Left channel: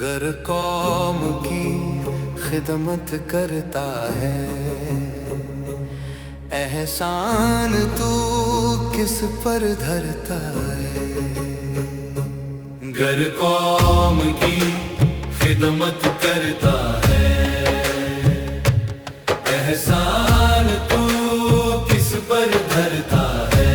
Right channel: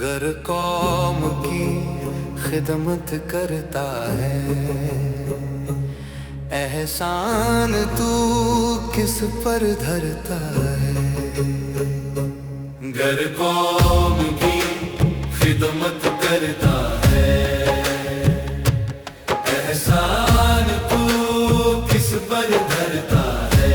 گر قوم کی خدمت کرتا ہے، احسان تو کس پر دھرتا ہے؟ گر قوم کی خدمت کرتا ہے، احسان تو کس پر دھرتا ہے؟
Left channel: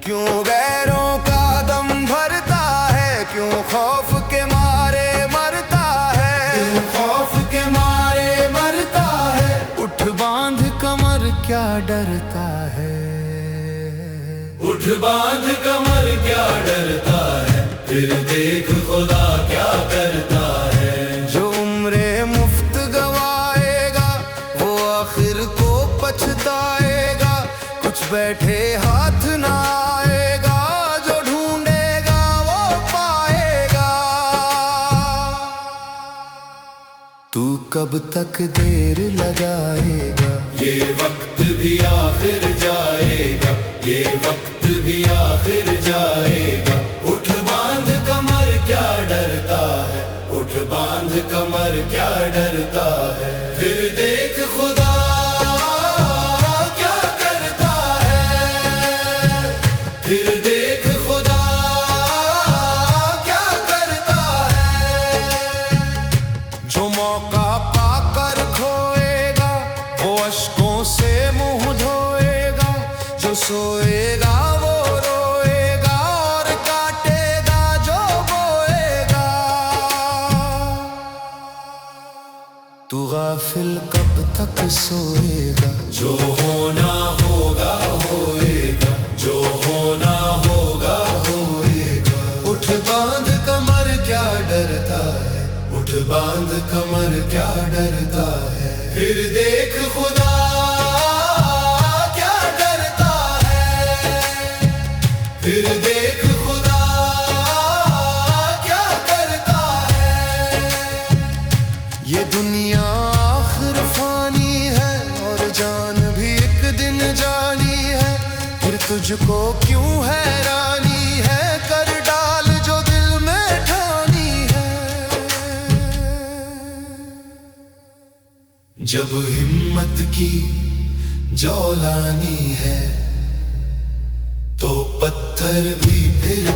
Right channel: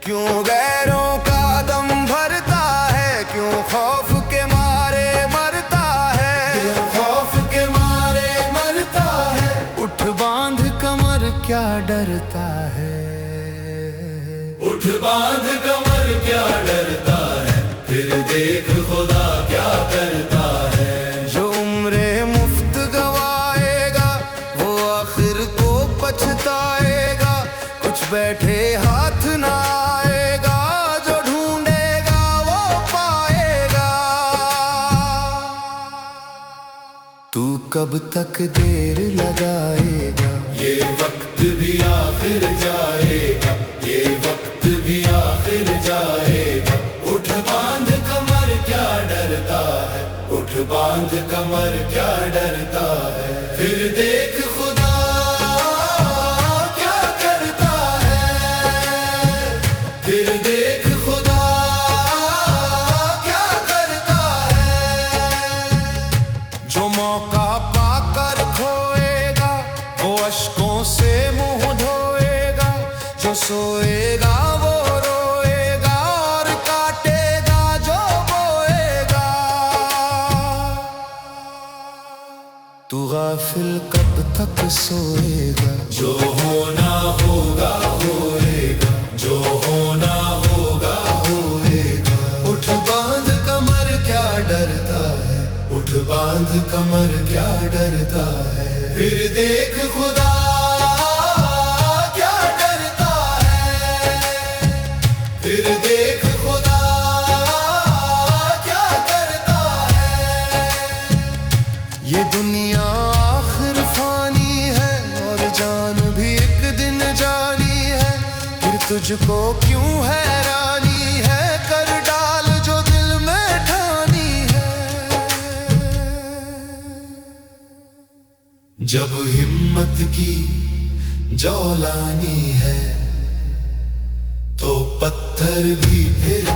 کیوں غیروں کا دم بھرتا ہے؟ کیوں خوف کے مارے مرتا ہے؟ کیوں خوف کے مارے مرتا ہے؟ اٹھ باندھ کمر کیا ڈرتا ہے؟ اٹھ باندھ کمر کیا ڈرتا ہے؟ پھر دیکھ خدا کیا کرتا ہے؟ جو عمریں مفت گوائے گا وہ آخر کو پچھتائے گا، کچھ بیٹھے ہاتھ نہ آئے گا، جو ڈھونڈے گا وہ پائے گا۔ تو کب تک دیر لگائے گا؟ یہ وقت بھی آخر جائے گا، یہ وقت بھی آخر جائے گا۔ اٹھ باندھ کمر کیا ڈرتا ہے؟ اٹھ باندھ کمر کیا ڈرتا ہے؟ پھر دیکھ خدا کیا کرتا ہے، پھر دیکھ خدا کیا کرتا ہے۔ جو موقع پا کر کھوئے گا وہ اشکوں سے منہ دھوئے گا، جو سوئے گا وہ روئے گا اور کاٹے گا جو بوئے گا۔ تو غافل کب تک سوئے گا؟ جو ہونا ہوگا ہوئے گا، جو ہونا ہوگا ہوئے گا۔ اٹھ باندھ کمر کیا ڈرتا ہے؟ اٹھ باندھ کمر کیا ڈرتا ہے؟ پھر دیکھ خدا کیا کرتا ہے، پھر دیکھ خدا کیا کرتا ہے۔ یہ دنیا آخر فانی ہے اور جان بھی ایک دن جانی ہے، پھر تجھ کو کیوں حیرانی ہے؟ کر ڈال جو دل میں ٹھانی ہے۔ جب ہمت کی جولانی ہے تو پتھر بھی پھر